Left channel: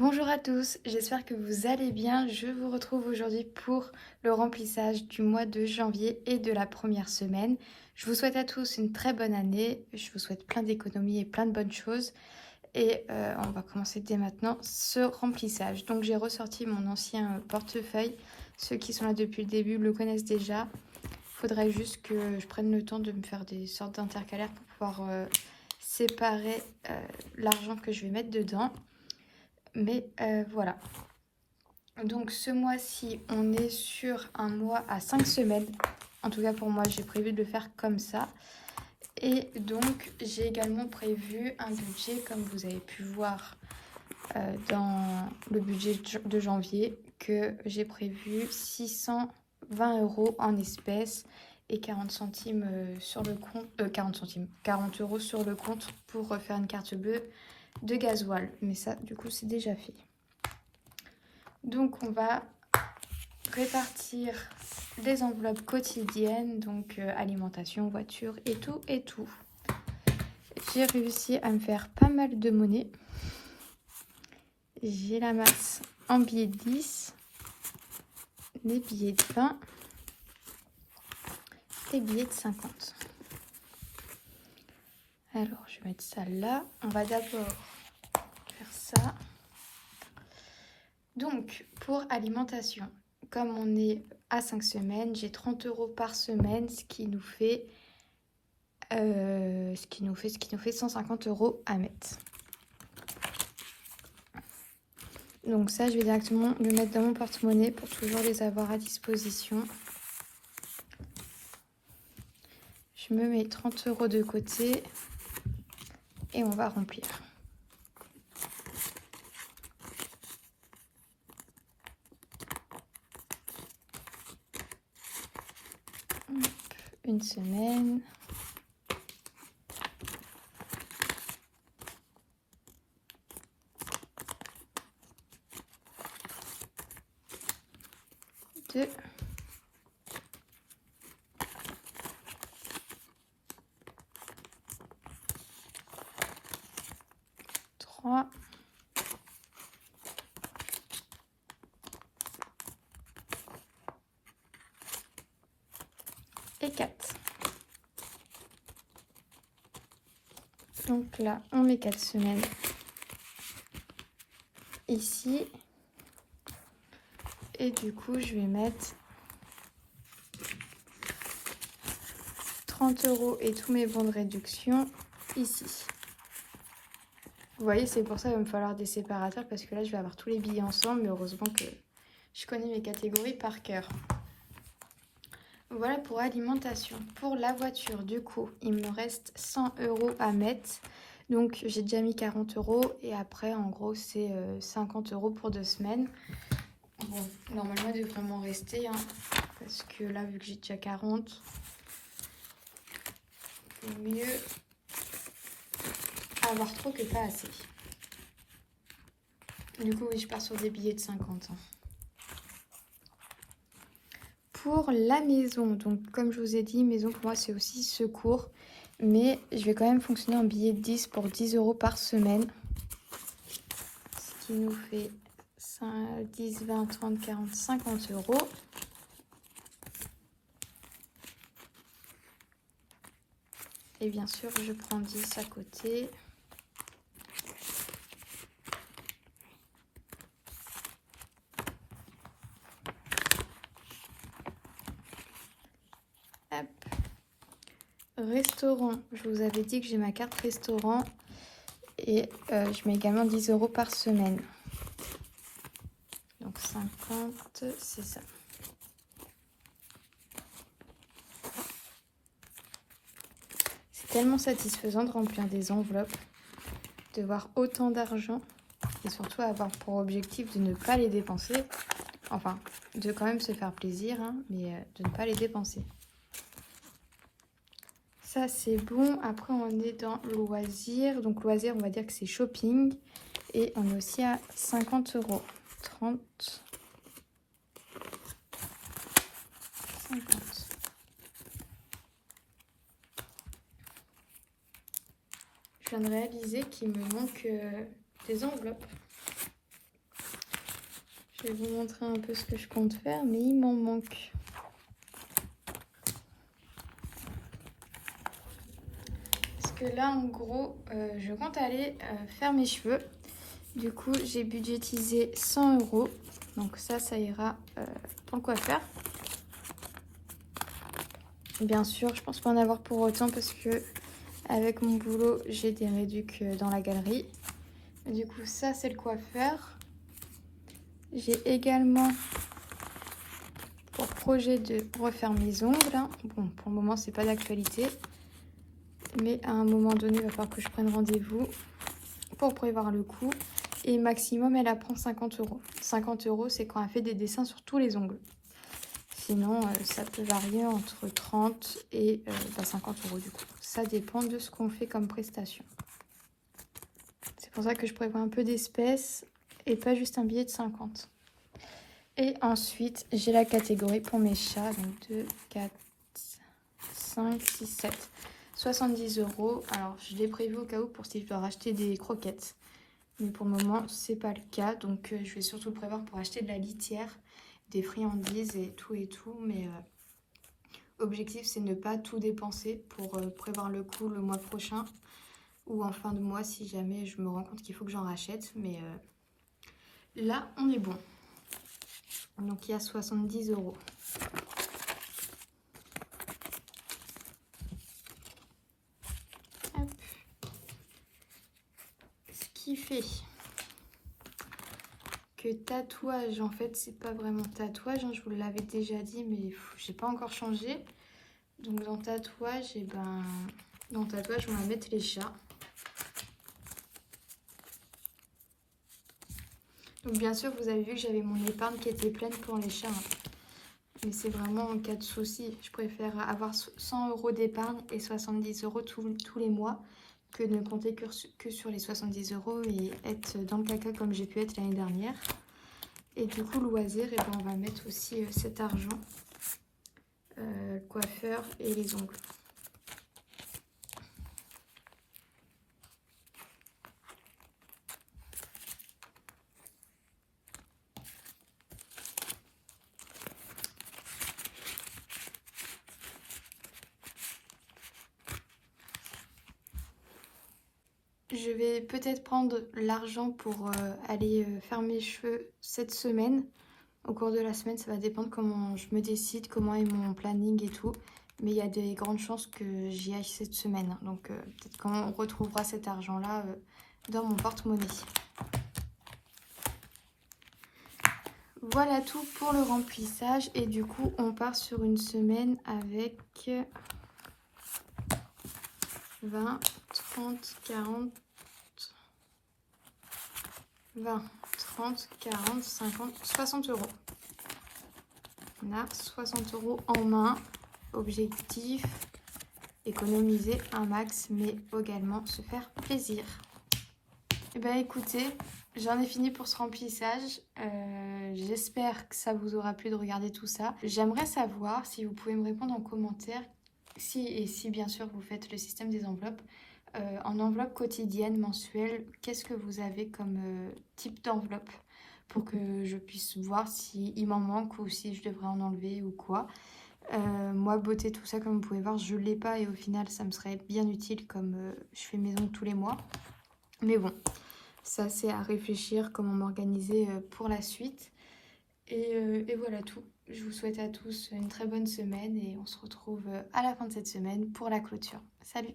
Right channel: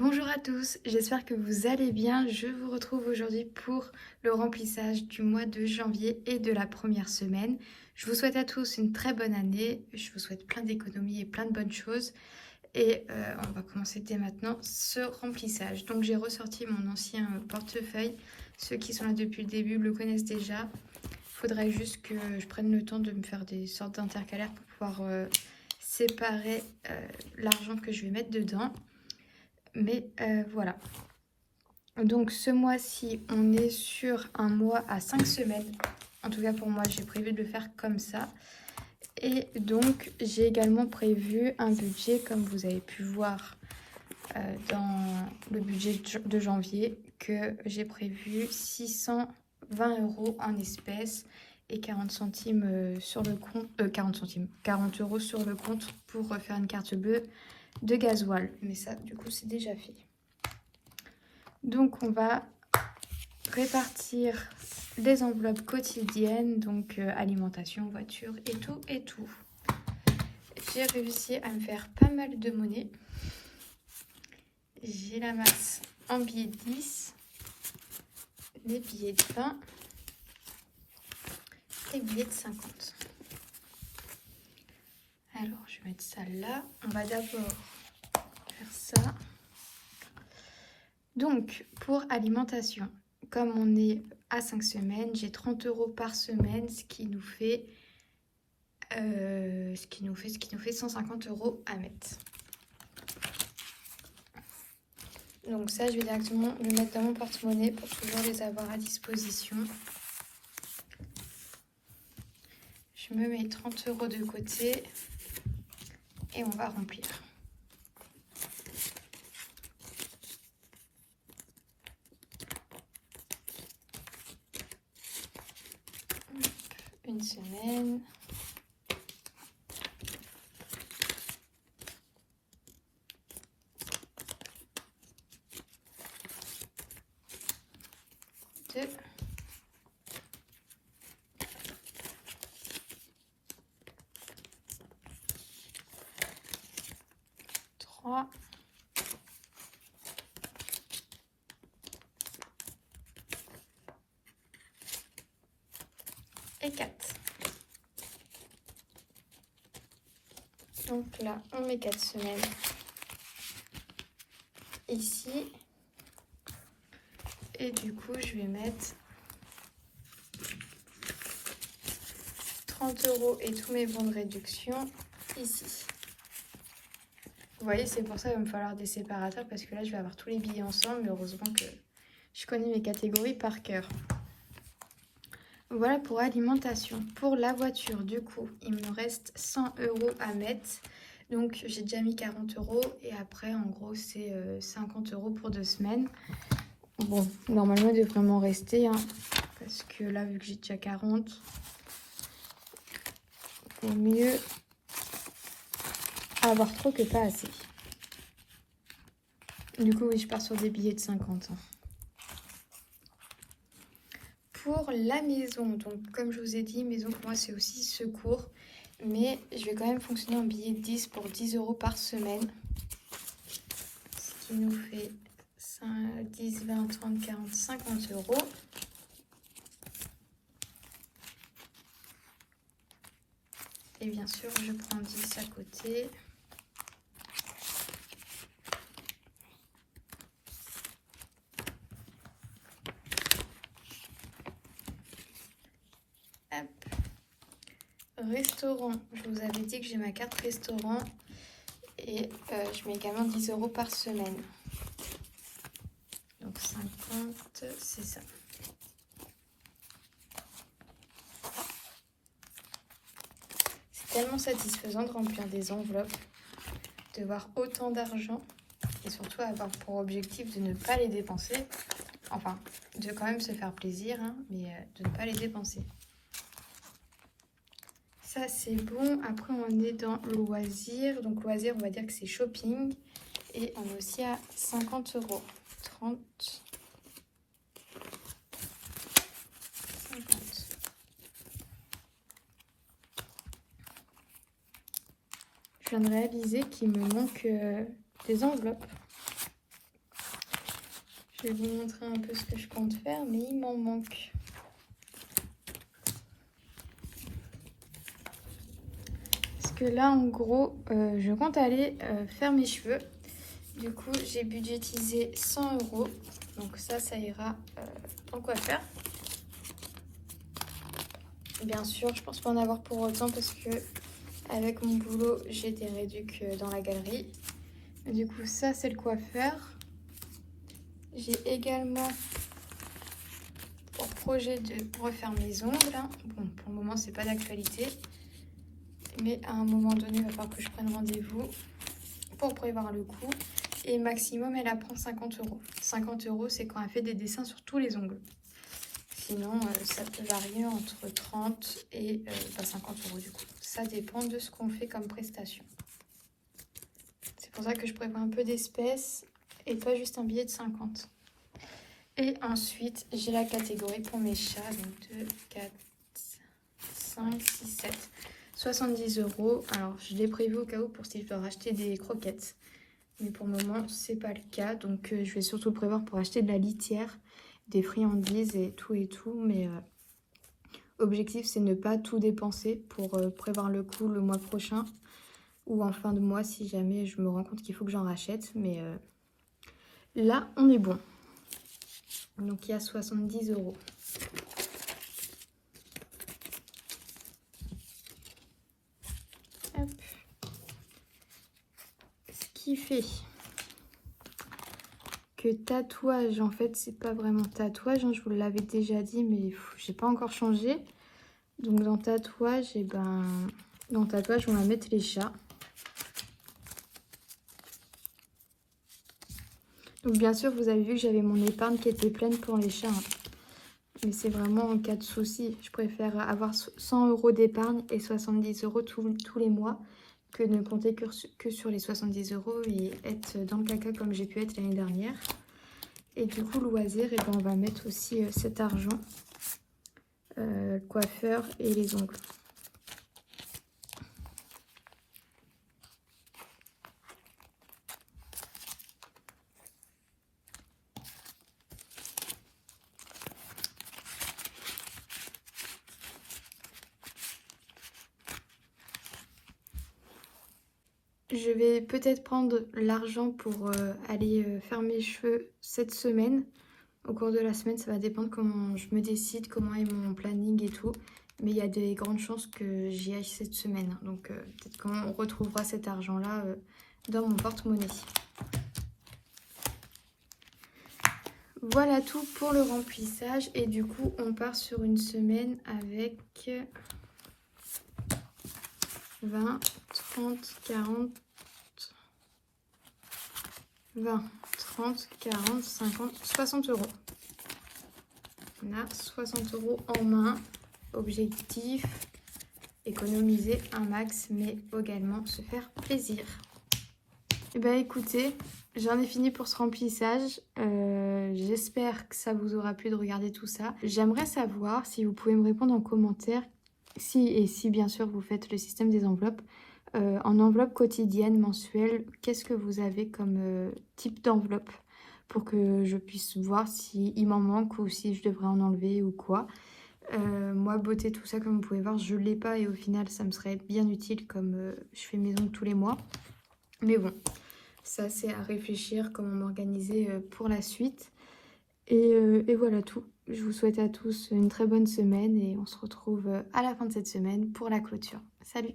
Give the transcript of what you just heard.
Bonjour à tous, j'espère que vous allez bien. Je vous retrouve aujourd'hui pour le remplissage du mois de janvier et de la première semaine. Je vous souhaite à tous une très bonne année, je vous souhaite plein d'économies et plein de bonnes choses. Et on va commencer dès maintenant ce remplissage. Donc j'ai ressorti mon ancien portefeuille. Ceux qui sont là depuis le début le connaissent déjà. Il faudrait juste que je prenne le temps de me faire des sortes d'intercalaires pour pouvoir séparer l'argent que je vais mettre dedans. Mais voilà. Donc ce mois-ci, on est sur un mois à 5 semaines. En tout cas pour moi, j'ai prévu de le faire comme ça. Et donc j'ai également prévu un budget, comme vous avez pu voir dans le budget de janvier, que j'ai prévu 620 € en espèces et 40 centimes sur le compte, 40 euros sur le compte pour faire une carte bleue de gasoil. Mais ça, du coup, c'est déjà fait. Donc on va répartir les enveloppes quotidiennes, donc alimentation, voiture et tout et tout. J'ai réussi à me faire pas mal de monnaie. J'ai la masse en billets de 10, des billets de 20, des billets de 50. Alors je vais mettre ça là. On va d'abord faire ça. Donc pour alimentation, comme on est à 5 semaines, j'ai 30 € par semaine, ce qui nous fait 150 € à mettre. Donc ça, je vais directement le mettre dans mon porte-monnaie pour toujours les avoir à disposition. Je me mets 30 € de côté et on va remplir. Une semaine. Deux. Trois. Et 4. Donc là, on met 4 semaines ici. Et du coup, je vais mettre 30 € et tous mes bons de réduction ici. Vous voyez, c'est pour ça qu'il va me falloir des séparateurs parce que là, je vais avoir tous les billets ensemble. Mais heureusement que je connais mes catégories par cœur. Voilà pour alimentation. Pour la voiture, du coup, il me reste 100 € à mettre. Donc, j'ai déjà mis 40 € et après, en gros, c'est 50 € pour 2 semaines. Bon, normalement, il devrait m'en rester, hein, parce que là, vu que j'ai déjà 40, il vaut mieux avoir trop que pas assez. Du coup, oui, je pars sur des billets de 50. Hein. Pour la maison, donc comme je vous ai dit, maison pour moi c'est aussi secours, mais je vais quand même fonctionner en billet de 10 pour 10 € par semaine, ce qui nous fait 5, 10, 20, 30, 40, 50 €. Et bien sûr, je prends 10 à côté. Restaurant, je vous avais dit que j'ai ma carte restaurant et je mets également 10 € par semaine. Donc 50, c'est ça. C'est tellement satisfaisant de remplir des enveloppes, de voir autant d'argent et surtout avoir pour objectif de ne pas les dépenser. Enfin, de quand même se faire plaisir, hein, mais de ne pas les dépenser. Ça, c'est bon. Après, on est dans loisir. Donc, loisir, on va dire que c'est shopping. Et on est aussi à 50 €. 30. 50. Je viens de réaliser qu'il me manque des enveloppes. Je vais vous montrer un peu ce que je compte faire, mais il m'en manque. Parce que là, en gros, je compte aller faire mes cheveux. Du coup, j'ai budgétisé 100 €. Donc ça ira en coiffeur. Bien sûr, je pense pas en avoir pour autant parce que avec mon boulot, j'ai des réducs dans la galerie. Du coup, ça, c'est le coiffeur. J'ai également pour projet de refaire mes ongles. Bon, pour le moment, c'est pas d'actualité. Mais à un moment donné, il va falloir que je prenne rendez-vous pour prévoir le coût. Et maximum, elle apprend 50 €. 50 €, c'est quand elle fait des dessins sur tous les ongles. Sinon, ça peut varier entre 30 et 50 € du coup. Ça dépend de ce qu'on fait comme prestation. C'est pour ça que je prévois un peu d'espèces et pas juste un billet de 50. Et ensuite, j'ai la catégorie pour mes chats. Donc 2, 4, 5, 6, 7. 70 €. Alors, je l'ai prévu au cas où pour si je dois racheter des croquettes. Mais pour le moment, c'est pas le cas. Donc, je vais surtout le prévoir pour acheter de la litière, des friandises et tout et tout. Mais objectif, c'est ne pas tout dépenser pour prévoir le coup le mois prochain ou en fin de mois si jamais je me rends compte qu'il faut que j'en rachète. Mais là, on est bon. Donc, il y a 70 €. Hop. Ce qui fait que tatouage, en fait, c'est pas vraiment tatouage. Je vous l'avais déjà dit, mais j'ai pas encore changé. Donc, dans tatouage, dans tatouage, on va mettre les chats. Donc, bien sûr, vous avez vu que j'avais mon épargne qui était pleine pour les chats. Mais c'est vraiment en cas de souci. Je préfère avoir 100 € d'épargne et 70 € tous les mois que de ne compter que sur les 70 € et être dans le caca comme j'ai pu être l'année dernière. Et du coup, loisir, on va mettre aussi cet argent, le coiffeur et les ongles. Je vais peut-être prendre l'argent pour aller faire mes cheveux cette semaine. Au cours de la semaine, ça va dépendre comment je me décide, comment est mon planning et tout. Mais il y a des grandes chances que j'y aille cette semaine. Donc peut-être qu'on retrouvera cet argent-là dans mon porte-monnaie. Voilà tout pour le remplissage. Et du coup, on part sur une semaine avec 20, 30, 40, 20, 30, 40, 50, 60 €. On a 60 € en main. Objectif, économiser un max, mais également se faire plaisir. Et ben écoutez, j'en ai fini pour ce remplissage. J'espère que ça vous aura plu de regarder tout ça. J'aimerais savoir si vous pouvez me répondre en commentaire, si bien sûr vous faites le système des enveloppes. En enveloppe quotidienne, mensuelle, qu'est-ce que vous avez comme type d'enveloppe pour que je puisse voir s'il m'en manque ou si je devrais en enlever ou quoi. Moi, beauté, tout ça, comme vous pouvez voir, je ne l'ai pas et au final, ça me serait bien utile comme je fais mes ongles tous les mois. Mais bon, ça, c'est à réfléchir comment m'organiser pour la suite. Et voilà tout. Je vous souhaite à tous une très bonne semaine et on se retrouve à la fin de cette semaine pour la clôture. Salut!